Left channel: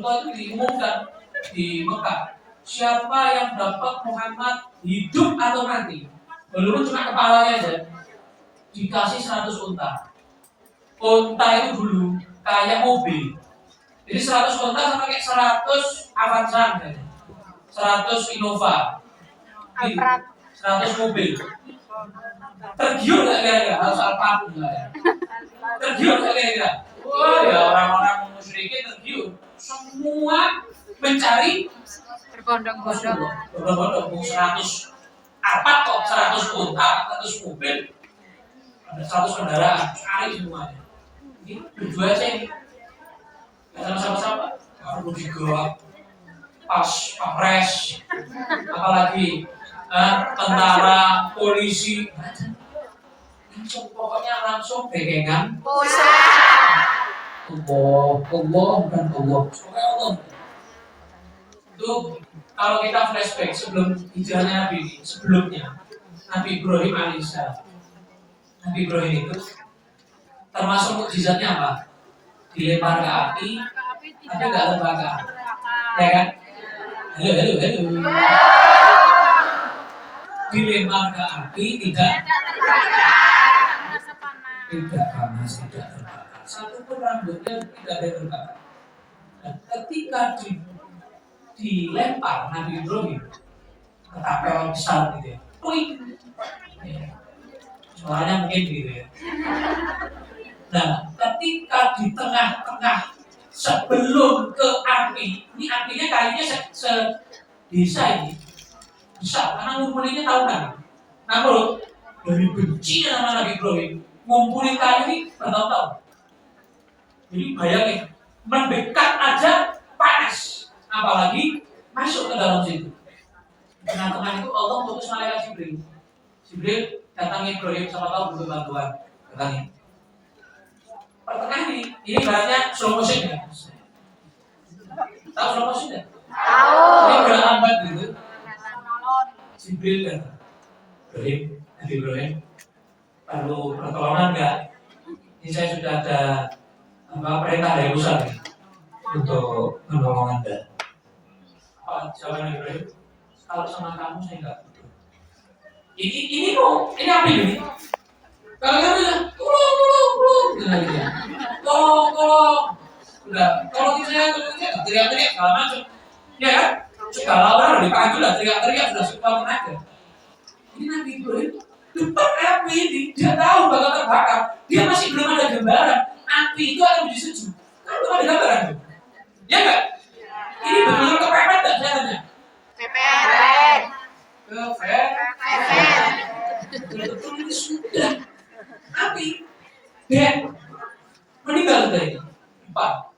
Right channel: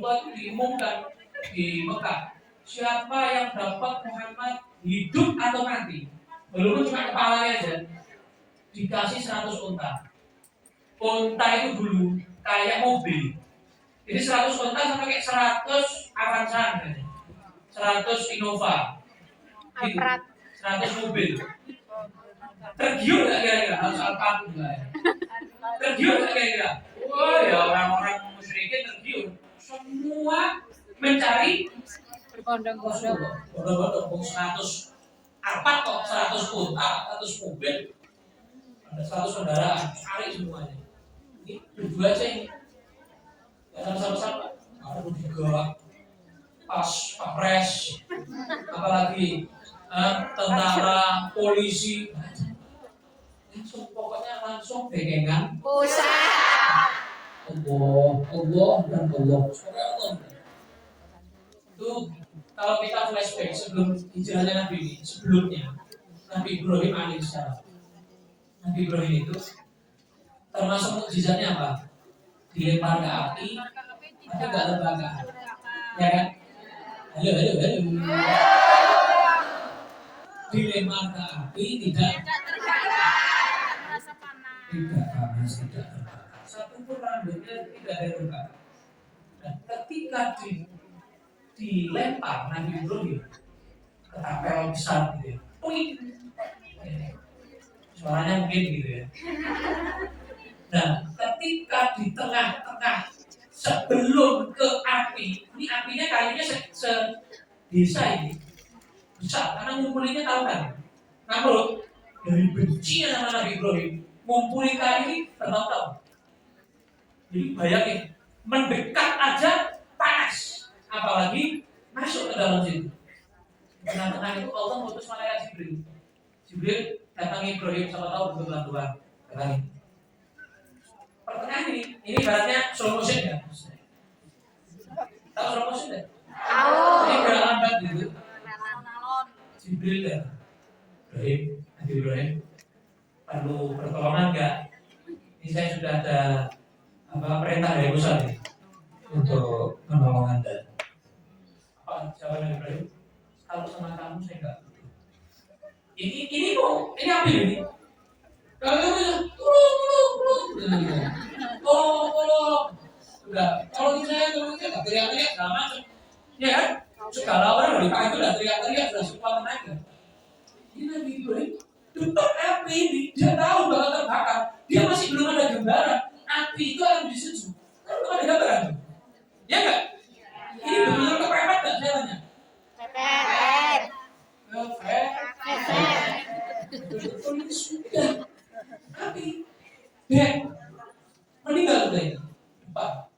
Contoh itu diumumkan di Mekah. Siapa yang dapat Muhammad hidup atau mati, walaupun cuma kepalanya aja, dikasih 100 unta. Unta itu dulu kayak mobil. Jadi 100 unta sama kayak 100 Avanza, 100 Innova, 100 mobil. Tergiur nggak kira-kira? Harus Alphard nggak ya? Tergiur nggak kira-kira? Wah ya, orang-orang musyrikin tergiur. Semua mencari berbondong-bondong 100 apa kok 100 unta, 100 mobil, ada 100 kendaraan, cari semuanya. Ini berdua aja ini, nggak sama-sama. Baru juga pas Pres, apalagi tentara, polisi, langsung pegangan. Allah bukan Allah. Itu kalau kita flashback sebelum hijrahnya Nabi ini, sebelumnya Nabi Ibrahim alaihissalam. Nabi Ibrahim itu termasuk mukjizatnya apa? Dilempar ke api, tapi nggak terbakar, ya kan? Halo. Dilempar ke api tidak panas, tidak terbakar. Satu pun rambutnya tidak ada terbakar. Dan ketika dilempar Nabi Ibrahim ke tapel besar gitu ya, suaranya mungkin gitu ya. Nah, ketika di tengah-tengah sebelum ke api, ini apinya kayunya se-desa ini besar karena ngumpulinnya tahunan. Namun dari bencinya sama Nabi Ibrahim ngumpulin kayu ini bertahun-tahun. Jadi bayangin, mendekat aja panas, apalagi masuk ke dalam situ. Tengah-tengah itu Allah putus malaikat Jibril. Jibril datangi Ibrahim, siapa tahu butuh bantuan, datangi. Pertengahan ini ibaratnya slow motion ya. Tahu slow motion ya? Tahu. Ini gerak lambat gitu. Jibril dan Nabi Ibrahim perlu pertolongan nggak? Ini saya sudah ada perintah dari Musa nih untuk menolong Anda. Apa jawaban Nabi Ibrahim? Kalau sama kamu saya nggak butuh. Ini kok, ini apa ini? Kalau kamu bilang tolong, udah, tolong saya, teriak-teriak segala macam, ya kan? Segala orang dari pagi udah teriak-teriak sudah sekuat tenaga. Ini Nabi Ibrahim depan api ini, dia tahu bakal terbakar, dia masih belum ada gambaran api itu akan menjadi sejuk. Kan belum ada gambaran tuh, ya nggak? Ini benar-benar kepepet nggak caranya? Kepepet. Betul ini sudah api dan meninggal tadi 4.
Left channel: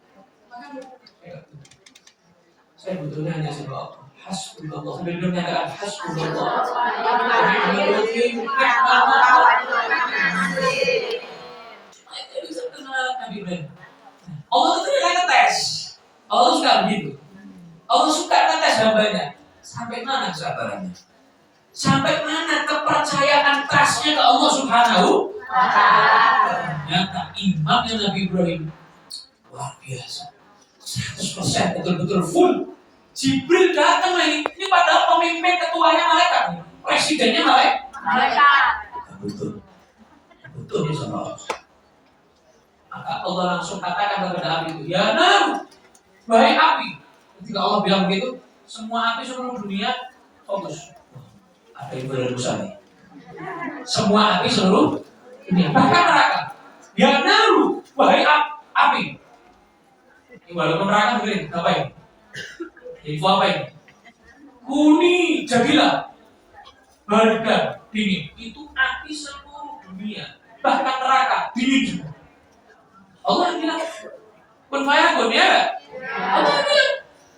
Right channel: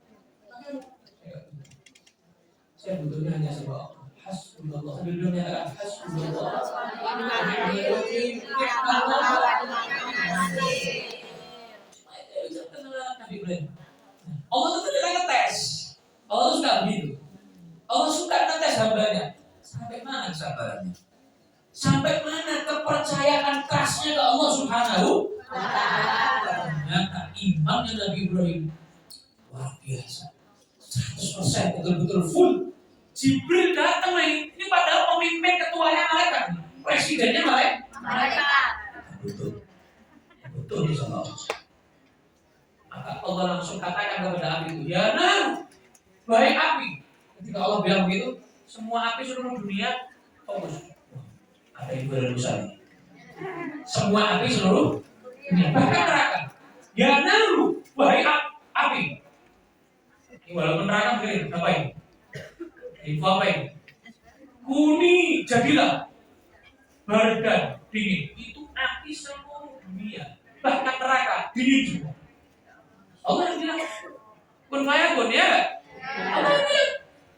Saya butuhnya hanya sebab hasbunallah. Sambil belum nyatakan hasbunallah. Allah itu tidak ngetes. Allah suka begitu. Allah suka ngetes hambanya. Sampai mana kesabarannya? Sampai mana kepercayaan trustnya ke Allah Subhanahu wa Ta'ala. Ternyata imannya Nabi Ibrahim luar biasa, 100% betul-betul full. Jibril datang ini padahal pemimpin ketuanya malaikat, presidennya malaikat. Betul ya sahabat. Maka Allah langsung katakan kepada api itu, ya nar, wahai api. Ketika Allah bilang begitu, semua api seluruh dunia fokus. Ada ibu dan Musa nih. Semua api seluruh dunia, bahkan neraka. Ya naru, wahai api. Ini walaupun neraka begini, apa ini? Info apa ini? Kuni jadilah barda dingin. Itu api seluruh dunia, bahkan neraka dingin juga. Allah bilang, kun fayakun ya. Allah bilang,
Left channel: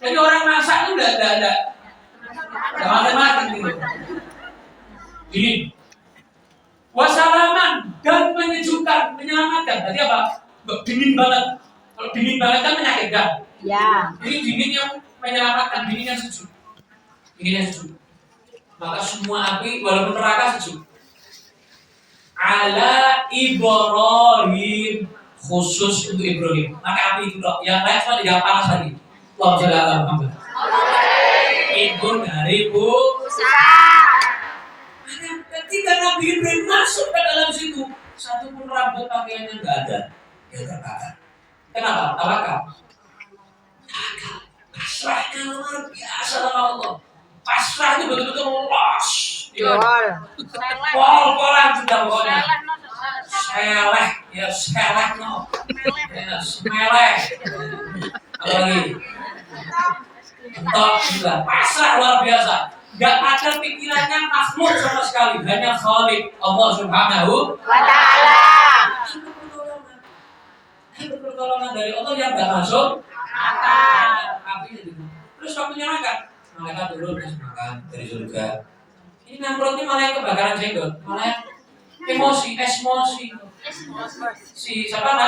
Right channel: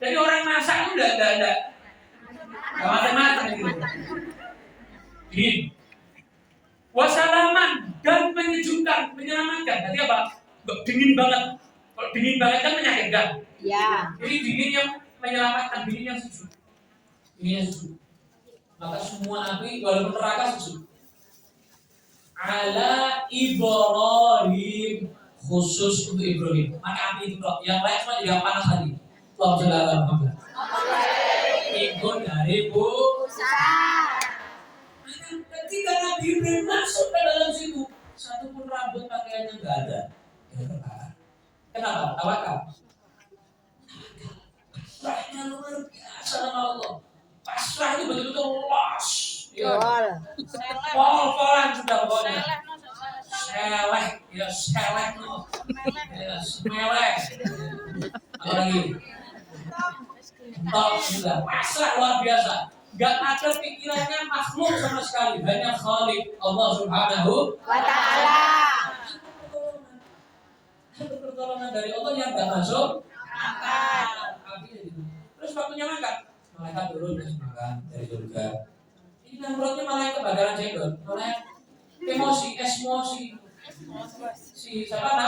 jadi orang masak itu enggak matang gitu. Dingin. Wasalaman dan menyejukkan, menyelamatkan. Tadi apa? Dingin banget. Kalau dingin banget kan menyakitkan. Ya. Jadi dingin yang menyelamatkan, dingin yang sejuk. Dingin yang sejuk. Maka semua api walaupun neraka sejuk. Ala Ibrahim, khusus untuk Ibrahim. Maka api itu dok. Yang lain semua tidak panas lagi. Kalau sudah ada Muhammad. Ibu dari Bu. Ketika Nabi Ibrahim masuk ke dalam situ, satu pun rambut pakaiannya nggak ada. Dia terbakar. Kenapa? Tawakal. Pasrahnya luar biasa sama Allah. Pasrah itu betul-betul los. Pol-polan sudah pokoknya. Seleh, ya seleh no. Ya seleh. Apalagi? Entok juga. Pasrah luar biasa. Gak ada pikirannya makhluk sama sekali. Hanya Khalik Allah Subhanahu wa Ta'ala. Itu pertolongan dari Allah yang gak masuk api itu. Terus waktunya makan, malaikat turun terus makan dari surga. Ini Namrud ini malah yang kebakaran jenggot, malah emosi. Si siapa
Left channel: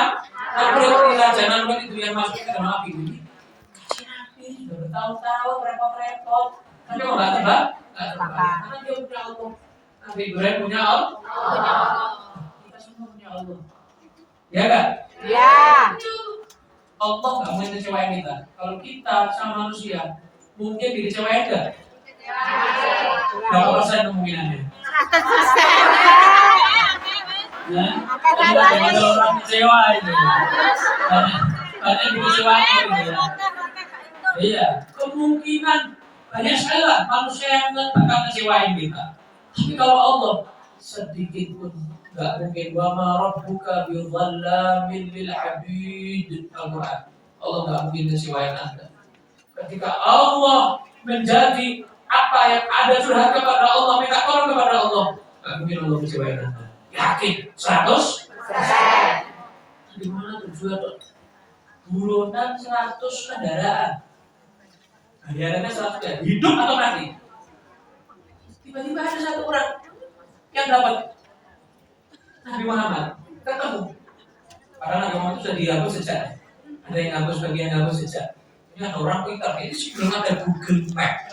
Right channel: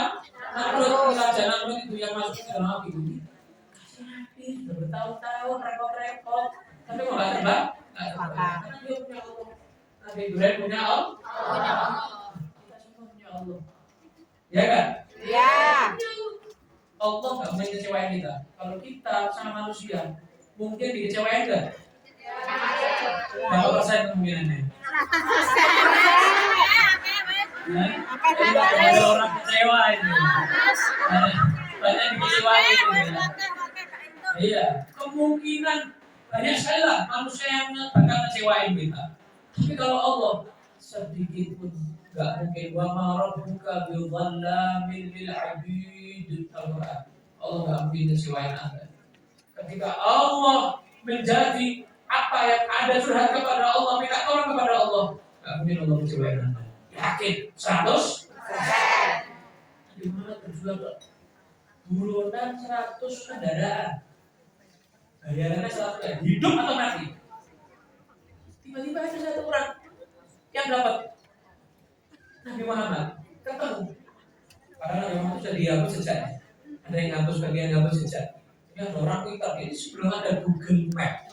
Namrud, raja Namrud itu yang masuk ke dalam api ini. Kasih api, bertahun-tahun repot-repot, tapi mau nggak terbang? Nggak terbang, karena dia punya Allah. Nabi Ibrahim punya Allah. Kita semua punya Allah. Ya kan? Ya. Allah nggak mungkin kecewain kita. Kalau kita sama manusia, mungkin dikecewain nggak? Berapa persen kemungkinannya? 100%. Nah, ada orang kecewa itu. Banyak dikecewain gitu. Iya, kemungkinan banyak sekali lah manusia yang bakal kecewain kita. Tapi kalau Allah sedikit pun gak mungkin. Wa ma rabbuka bidzallamin lil 'abid. Al-Qur'an. Allah gak mungkin kecewain Anda. Ketika Allah menjadi apa yang ada curhat kepada Allah, minta tolong kepada Allah, gak mungkin Allah kecewain Anda. Yakin 100%. Gimana tujuan buronan 100 kendaraan. Bayarannya 100 kan? Hidup atau mati? Tiba-tiba ada satu orang yang dapat Nabi Muhammad ketemu. Padahal Nabi Muhammad sudah dihapus sejak. Ada yang hapus, bagian hapus sejak. Ini ada orang pintar. Ini sebelum ada Google Map,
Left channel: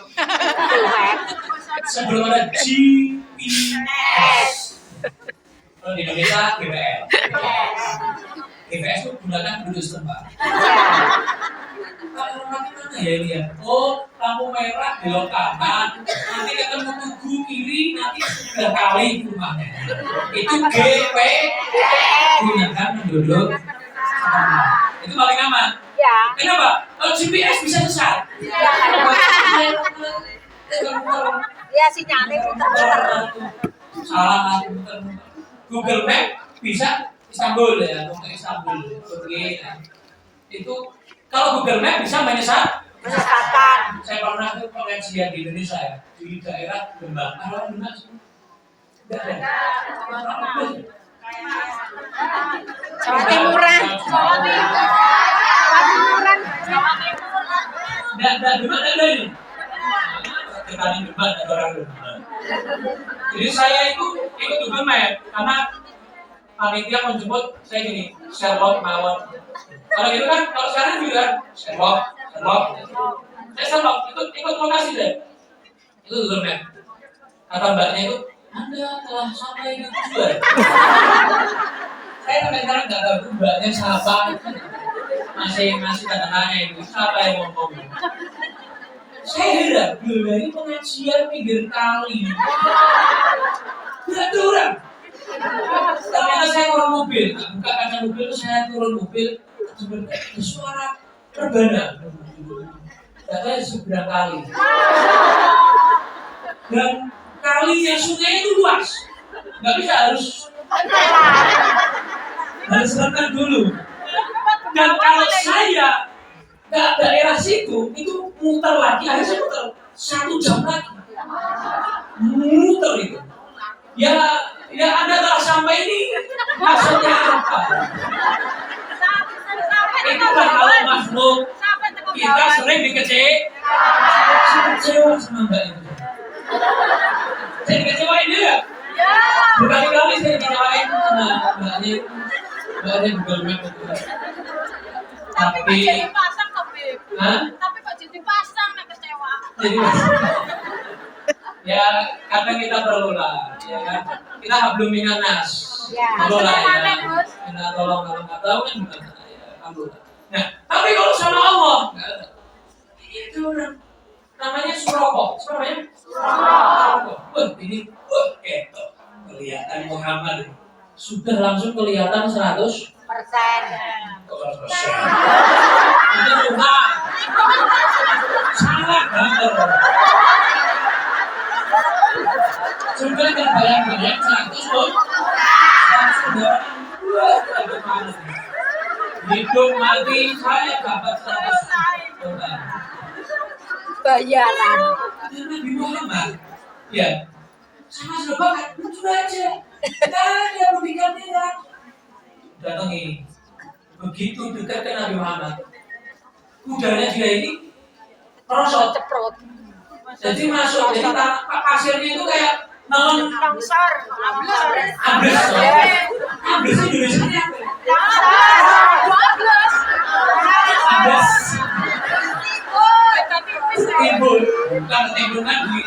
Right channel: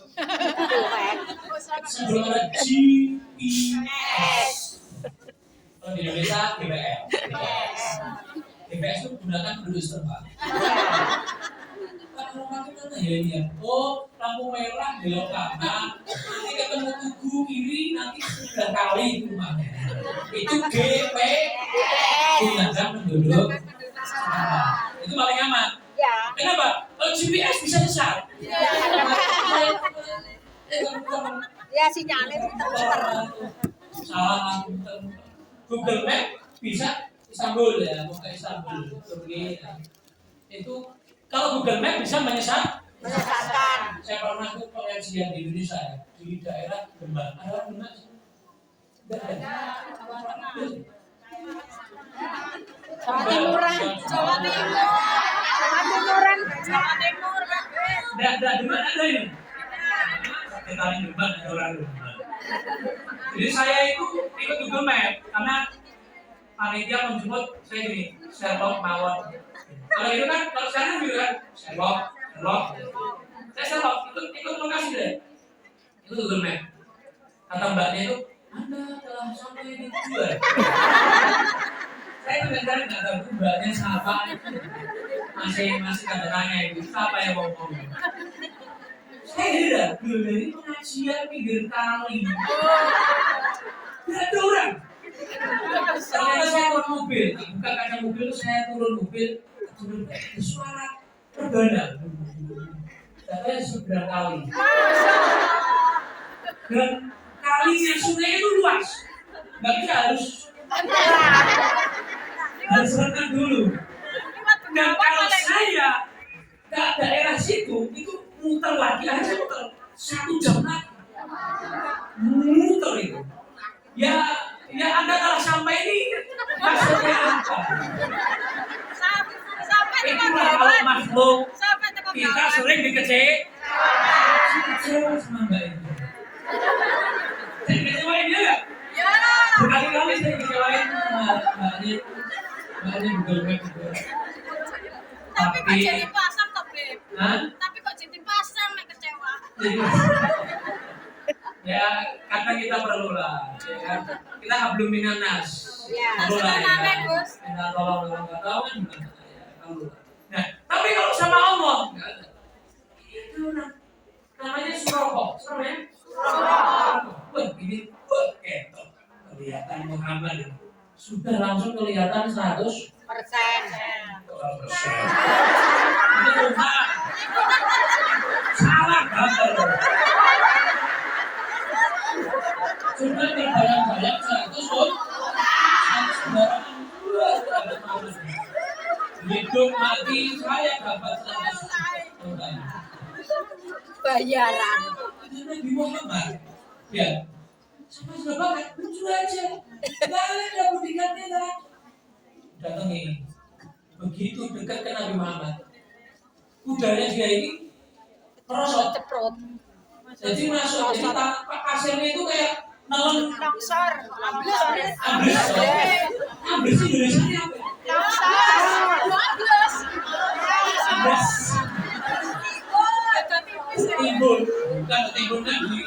sebelum ada GPS. Kalau di Indonesia GPS. GPS itu gunakan penduduk setempat. Kalau orang mana ya ini ya? Oh, lampu merah belok kanan, nanti ketemu tugu kiri, nanti sudah kali rumahnya. Itu GPS, gunakan penduduk setempat. Itu paling aman. Ya. Kenapa? Kalau GPS bisa sesat. Ya sinyalnya muter-muter. Salah muter. Google Map bisa Istanbul ya, untuk Istanbul, Turki. Itu kalau Google Map bisa menyesatkan. Saya pernah tuh pengajian di Indonesia ya, di daerah Demak. Arah Demak sih. Enggak ada. Jawa Timuran. Enggak Demak ada ini. Kita di Demak ada orang Demak. Jadi saya itu ikut Google Map karena panitia menjemput saya gini, Sherlock mawon. Kalau itu kan, kalau sekarang juga kan, Sherlock. Saya Sherlock, ikut lokasi deh. Itu Google Map. Kata mbaknya itu, Anda telah sampai di tujuan. Saya sampai sekarang nggak tahu mbaknya siapa. Masih kadang nanya itu, siapa yang ngomong. Saya heran, dari pengajian pinggir kali. Tidak ada orang. Ternyata saya turun mobil, buka kaca mobil, saya turun mobil, ada suara rebana. Katanya seberang kali. Dan kalinya sungai itu luas, nggak bisa harus renang dulu. Dan kalau saya ke daerah situ, itu muter lagi, akhirnya muter 1 jam lagi. Muter itu. Ya Anda telah sampai ini maksudnya apa? Itulah kalau makhluk kita sering dikecewa sama mbak itu. Saya dikecewain dia. Berkali-kali saya dikecewain sama mbaknya Google Map itu. Tapi kok jadi pasang toh, Beb? Tapi kok jadi pasang nek kecewa. Ya kadang kita perlu lah, ya kan? Kita hablum minan nas. Tolong lah ya. Minta tolong kalau nggak tahu kan bukan ya, alhamdulillah. Nah, tapi kalau sama Allah nggak ada. benar. Namanya Suroko. Siapa namanya? Suroko. Wah, ini ketok. Kelihatan Muhammad. Sudah langsung kelihatan 100%. Kok 100%? Itu Tuhan. Salah banget. Sudah terbayang-bayang 100 pun 100 kendaraan. Hidup mati saya dapat 100 Tuhan. Bayaran. Itu Nabi Muhammad. Ya, sama sudah bakat, lucu aja. Nggak ada bodyguardnya. Datangi. Begitu dekat ke Nabi Muhammad, kudanya dia ini merosot. Ceprot. Jadi masuk, jadi pasirnya itu kayak nelen Longsor. ambles. Ambles itu Indonesia apa? Ambles. Timbul, bukan timbul lagi.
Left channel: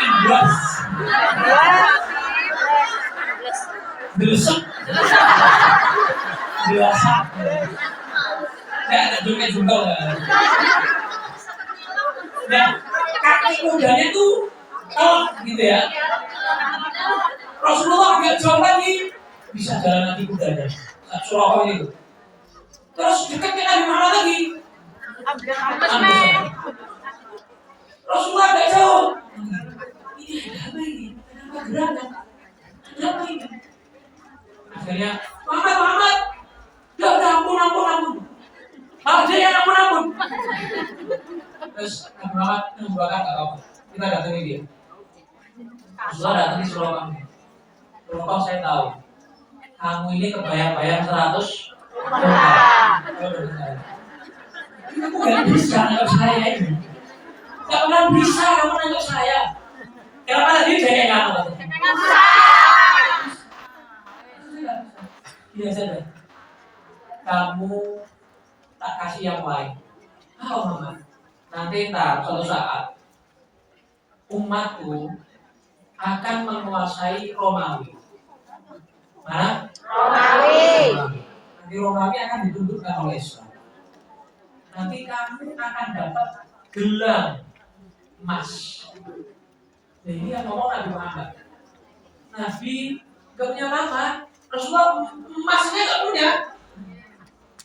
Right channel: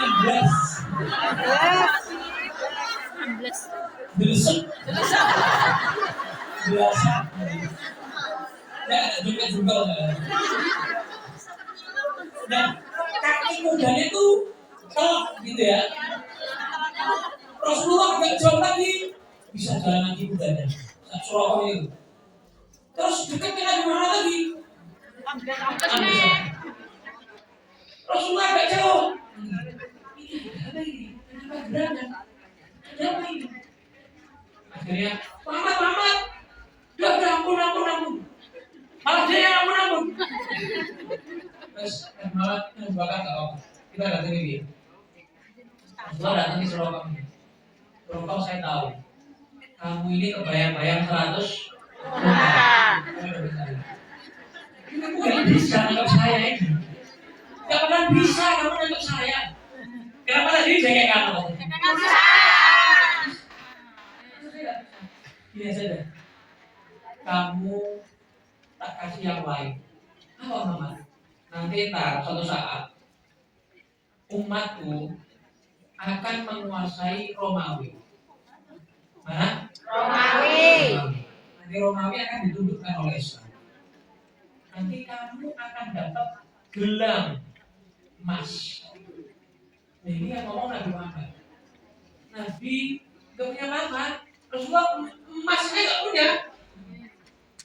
Ambles. Delesek. Delasak. Nggak ada juga. Dan kaki kudanya tuh gitu ya. Rasulullah agak jauh lagi bisa jalan lagi kudanya. Suroko itu. Terus dekat dengan Nabi Muhammad lagi. Rasulullah agak jauh. Ini ada apa ini? Kenapa gerakan? Ada apa ini? Akhirnya Muhammad. Udah ampun. Malah dia yang ampun. Terus Nabi Muhammad membakar gak apa-apa. Kita datangi dia. Rasulullah datangi Suroko. Suroko saya tahu. Kamu ini kebayang-bayang 100. Kamu gak bisa nangkep saya ini. Gak pernah bisa kamu nangkep saya. Kenapa tadi kayak kamu? Iya saja. Kamu tak kasih yang lain. Apa Muhammad? Nanti suatu saat umatku akan menguasai Romawi. Mana? Romawi. Nanti Romawi akan ditundukkan oleh Islam. Nanti kamu akan dapat gelang emas. Nah, ini yang ngomong Nabi Muhammad. Nabi gak punya apa? Rasulullah emasnya gak punya.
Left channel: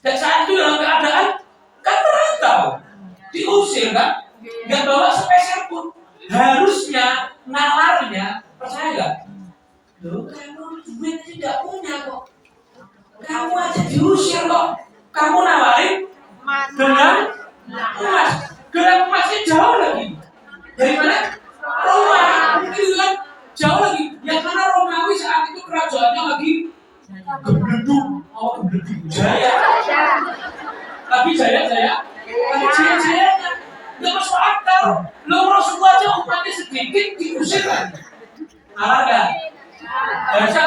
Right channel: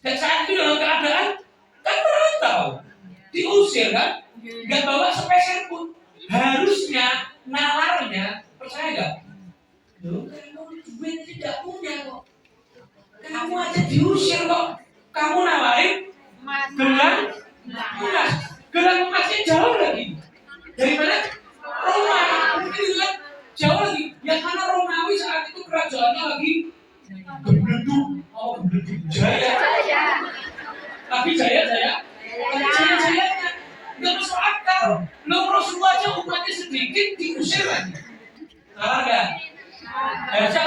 Dan saat itu dalam keadaan kan merantau, diusir kan, gak bawa sepeser pun. Harusnya nalarnya, percaya gak? Loh, kamu duit tidak punya kok. Kamu aja diusir kok. Kamu nawarin gelang emas. Gelang emasnya jauh lagi. Dari mana? Roma. Itu kan jauh lagi. Yang mana Romawi saat itu kerajaannya lagi gebleduk. Oh, gebleduk. Jaya. Tapi jaya-jayanya nggak masuk akal. Lo Rasulullah aja umatnya sedikit diusir lagi. Malah nggak? Harusnya